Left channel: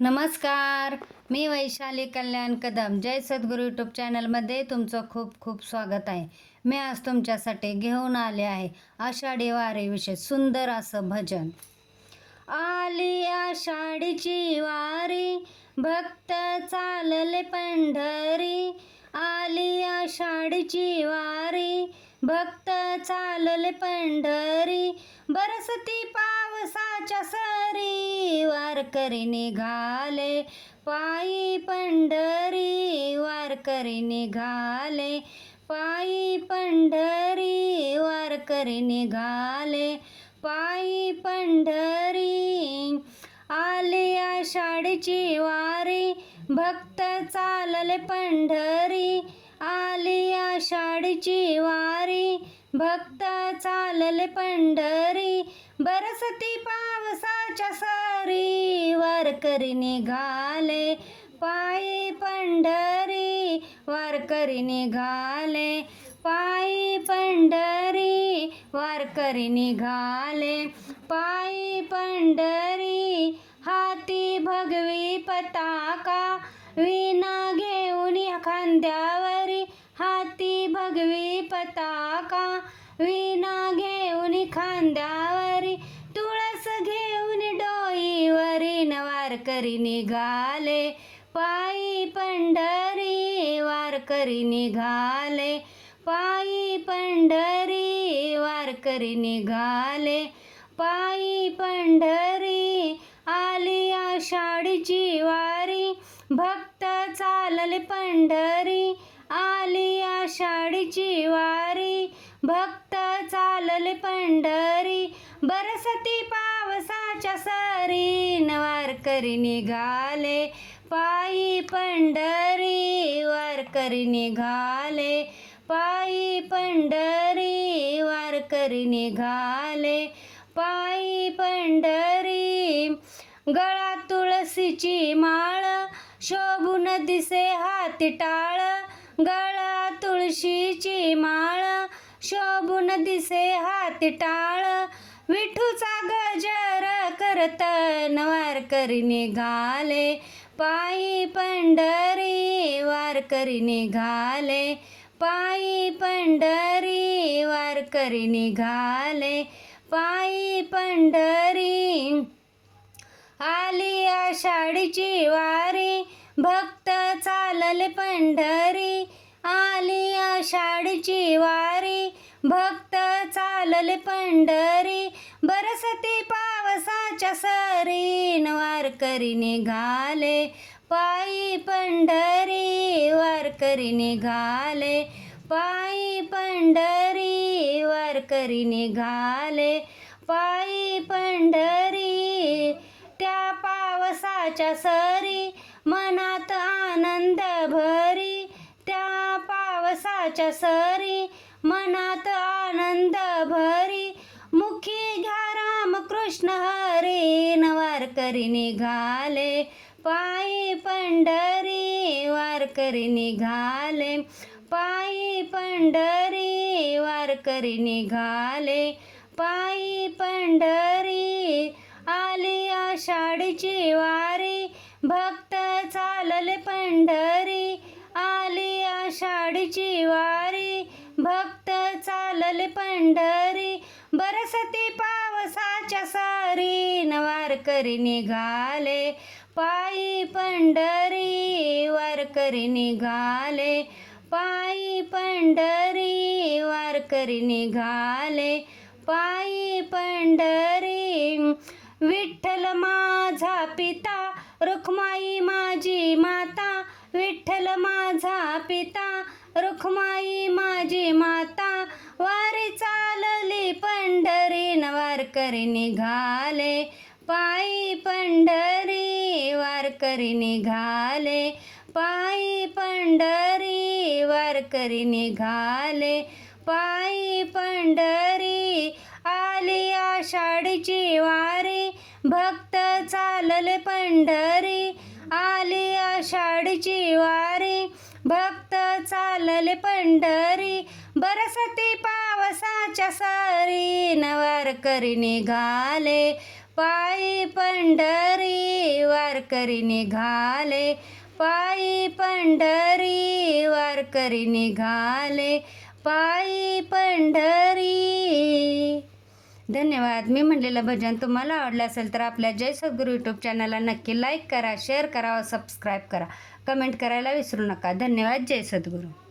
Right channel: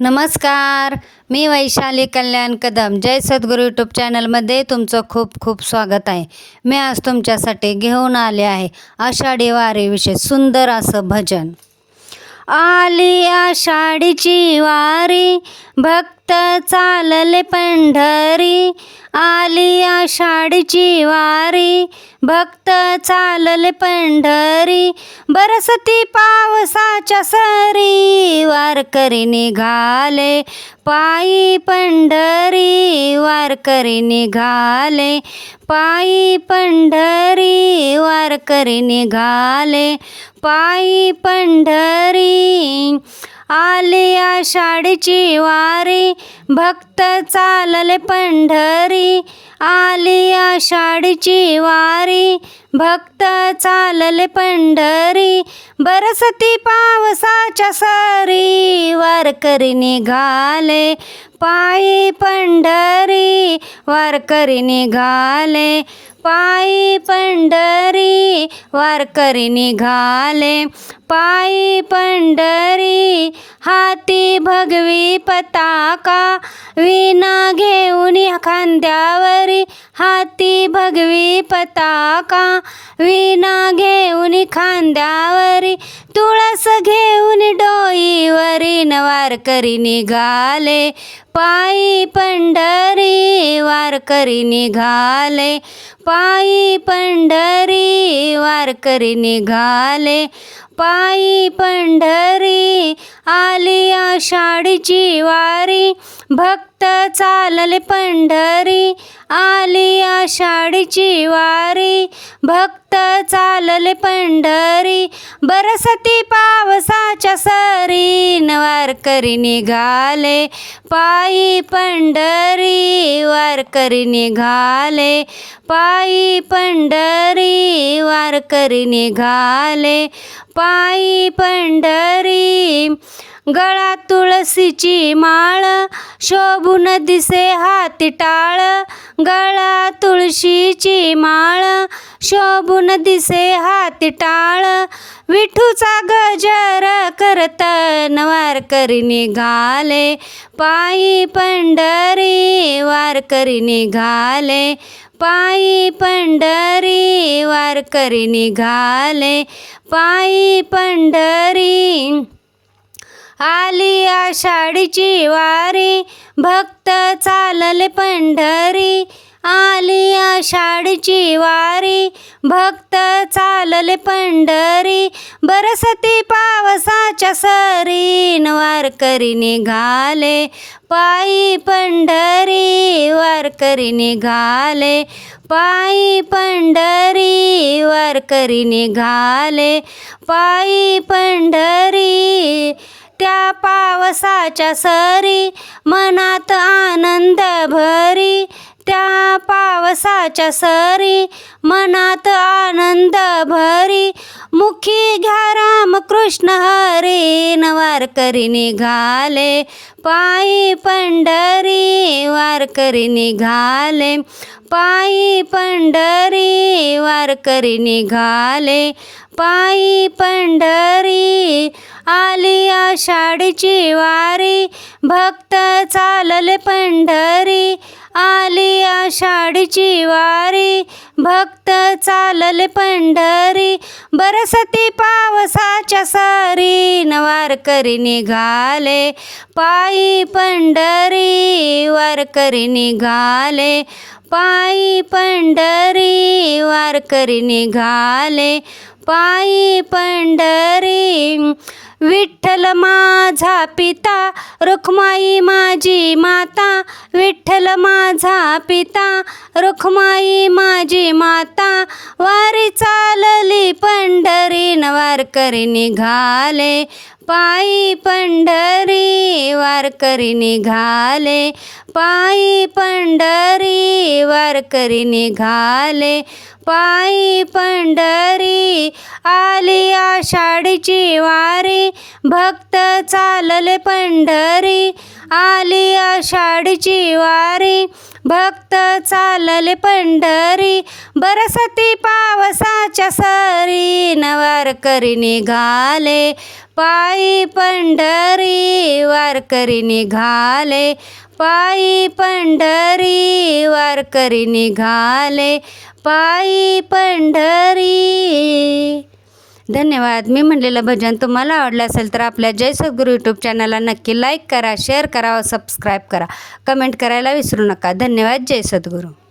नमस्कार, मी वैशाली कल्याण कदम. जय सद्गुरू यूट्यूब चॅनलमध्ये तुमचं खूप खूप स्वागत आहे. मी आज तुमच्यासाठी घेऊन आले आहे आषाढी वारीविषयी सुंदर असं भजन. आली आषाढीची वारी, भक्त चालले पंढरी. आली आषाढीची वारी, भक्त चालले पंढरी. बरसती पावसाच्या सरी, वारकरी निघाले पायी पंढरी. वारकरी निघाले पायी पंढरी. वारकरी निघाले पायी पंढरी. आली आषाढीची वारी, भक्त चालले पंढरी. आली आषाढीची वारी, भक्त चालले पंढरी. बरसती पावसाच्या सरी, वारकरी निघाले पायी पंढरी. वारकरी निघाले पायी पंढरी. वारकरी निघाले पायी पंढरी. हाती भगवी पताका, विणा घेऊन खांद्यावरी. हाती भगवी पताका, विणा घेऊन खांद्यावरी. तुळस घेऊन डोईवरी, वारकरी निघाले पायी पंढरी. वारकरी निघाले पायी पंढरी. वारकरी निघाले पायी पंढरी. आली आषाढीची वारी, भक्त चालले पंढरी. आली आषाढीची वारी, भक्त चालले पंढरी. बरसती पावसाच्या सरी, वारकरी निघाले पायी पंढरी. वारकरी निघाले पायी पंढरी. वारकरी निघाले पायी पंढरी. गळा तुळशीची माळ, शोभून दिसे हाती टाळ. गळा तुळशीची माळ, शोभून दिसे हाती टाळ. विठूचा गजर करतन, वारकरी निघाले पायी पंढरी. वारकरी निघाले पायी पंढरी. वारकरी निघाले पायी पंढरी. आली आषाढीची वारी, भक्त चालले पंढरी. आली आषाढीची वारी, भक्त चालले पंढरी. बरसती पावसाच्या सरी, वारकरी निघाले पायी पंढरी. वारकरी निघाले पायी पंढरी. वारकरी निघाले पायी पंढरी. त्या पावसाच्या सरी, मनात आनंद भरी. त्या पावसाच्या सरी, मनात आनंद भरी. मुखी घ्या राम कृष्ण हरी, वारकरी निघाले पायी पंढरी. वारकरी निघाले पायी पंढरी. वारकरी निघाले पायी पंढरी. आली आषाढीची वारी, भक्त चालले पंढरी. आली आषाढीची वारी, भक्त चालले पंढरी. बरसती पावसाच्या सरी, वारकरी निघाले पायी पंढरी. वारकरी निघाले पायी पंढरी. वारकरी निघाले पायी पंढरी. विठ्ठल माझा पिता, रुक्माई माझी माता. विठ्ठल माझा पिता, रुक्माई माझी माता. वारी चालली पंढरी, वारकरी निघाले पायी पंढरी. वारकरी निघाले पायी पंढरी. वारकरी निघाले पायी पंढरी. आली आषाढीची वारी, भक्त चालले पंढरी. आली आषाढीची वारी, भक्त चालले पंढरी. बरसती पावसाच्या सरी, वारकरी निघाले पायी पंढरी वारकरी निघाले, पायी पंढरी वारकरी निघाले, पायी पंढरी. धन्यवाद. मी म्हणलेलं भजन तुम्हाला आवडलं असेल तर आपल्या जय सद्गुरू यूट्यूब चॅनलला नक्की लाईक करा, शेअर करा व सबस्क्राईब करा. कमेंट करायला विसरू नका. धन्यवाद. जय सद्गुरू.